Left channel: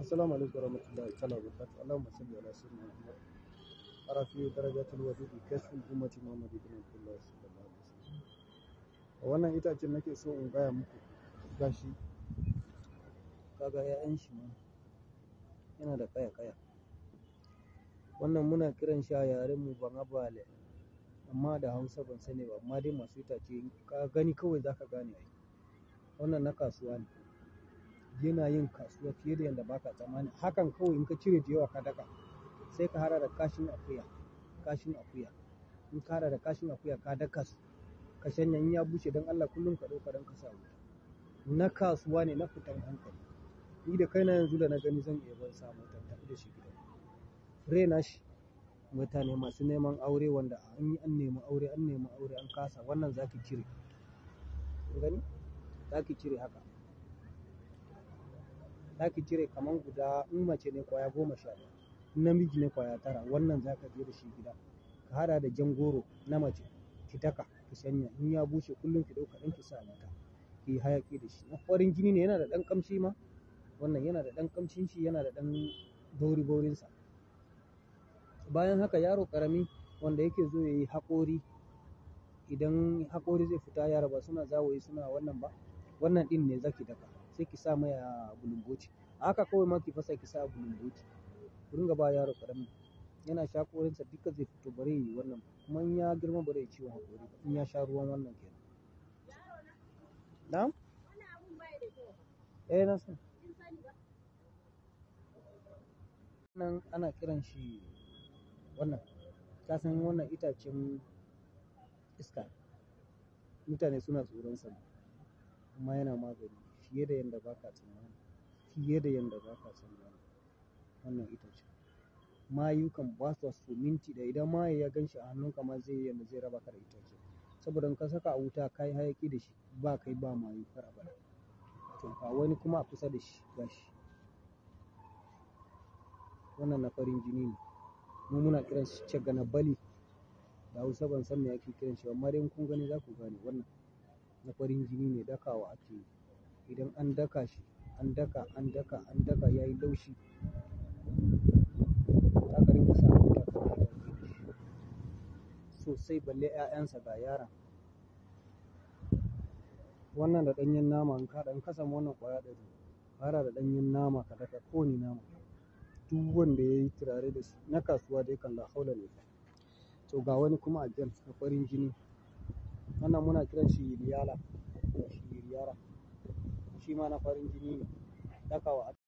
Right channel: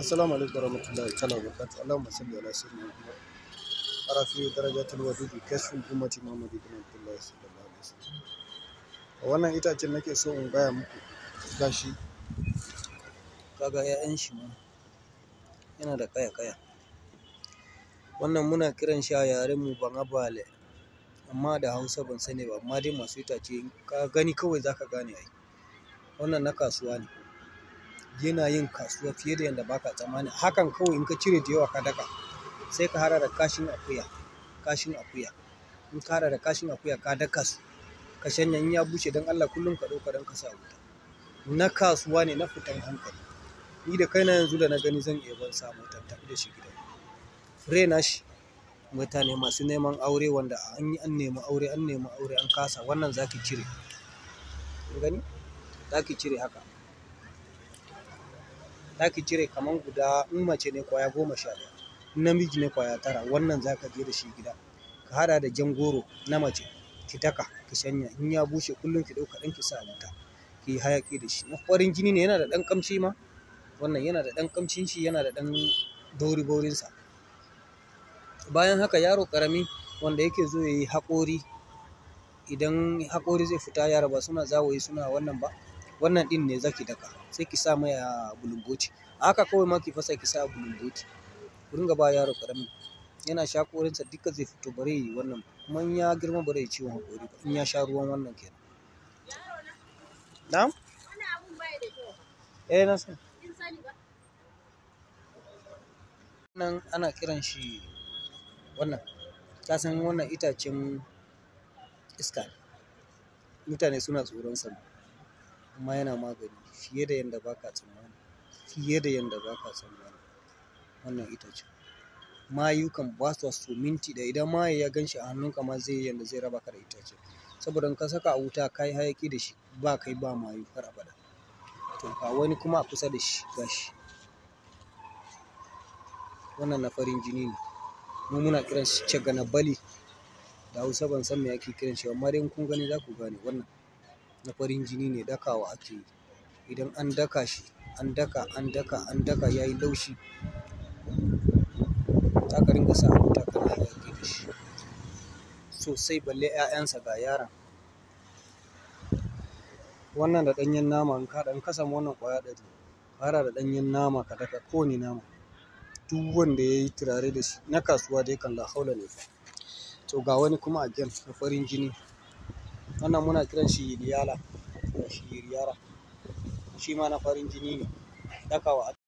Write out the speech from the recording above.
Assalamu alaikum warahmatullahi ta'ala wabarakatuh. Allahumma salli ala sayyidina Muhammad. Arafi darajatul wadudi kashful ummati Muhammad ibn Abdullah sallallahu alaihi wasallam. Wannan itacen nake so in gaya muku gashi. Kaga 'ya'yan shi ma yana da kaya. Wannan muna kiran shi a yaren mu Bangabale, amma da Hausa ban sani ba, amma dai masu itace ka gani kawai zaka gane ai. Wannan na kasuwa ne. Yana yin kasuwa fiye da yadda baka tsammani. Hakan kawai in ka cire da yawa ka daka, sai ka hada da kashin akuya. In ka hada da kashin akuya ka daka su, ka shanya in ya bushe don Allah kullum ka ɗauka don ka sa wuta. Na kasuwa ne, na fitan hankali. Ni da kaina yanzu da na gani zan iya ban samu tafi da shi gida. Fure na shi mutane masu neman aure wanda an nemi aure an kasa, wannan zaki cire. Gani? Zaki cire haka. Zaki cire kaman guda, in mace ne kwaya 11, in namiji ne kwaya 9. Wannan zaka je da shi gida, ka hada da jan goro na mace, ki daka ki shanya. In ya bushe kullum ki ɗauka ɗan ki sa wuta, ki hayaki da shi. Na farin jini ne, yana da ɗan ƙamshi ma. Wannan yana da ɗan ƙamshin shi, yana da ɗan baurinsa. Bayan haka yaro ƙarami wanda yake zo ya yi haƙori, idan haƙori zai fita, yara ba suna zawayi suna wannan ba, wannan ɗin ne zaki daka, sai ki sa mai a bulumboti. Haka kawai ma ki fasa ki sa a bulumboti. Ku ringa ba yaro ƙarami, yana sha haƙorinsa duka zai fito, bare yi wannan. Kuma in ya girma bare yi ciwon haƙori ba, in ya sha ruwan wannan kenan. Na'am? Na san. Wannan ana kiran shi wannan. Ka san wannan itacen iska ne. Mutane suna tsoron sa, amma yana magani fiye da yadda baka tsammani. Wannan itace. Mayu kan ba su so minti da idan maye ya gan shi a hannunka ma zai yi yanda zai raba ka da itace. Saboda in ka saka a wuta ka yi hayaki da shi, ba kai ba mayu har abada. To ga wani kuma a kusa da shi gashi. Wannan na farin jini ne. Mu muna kiran shi Ceganabali. Da Hausa ban san me ake kiran shi ba, amma dai in kun gani za ku gane. Wannan na farin jini ne, dakawa ake yi. Idan an daka shi, an daka ya yi laushi, za ka ringa sa a wuta kana hayaki da shi sosai, balle 'ya'yansa ga yaron. Wannan da ɗanyen nama in ka samu wannan ƙwaya 100, fara da ɗanyen nama ka daka kowane nama. Duk wanda ya yi turare da shi na kasuwa dai kan la haula ne fa. To ga wani kuma again na farin jini. Wannan muna kiran shi Yiriyara. Shi ma na farin jini ne, dakawa ake.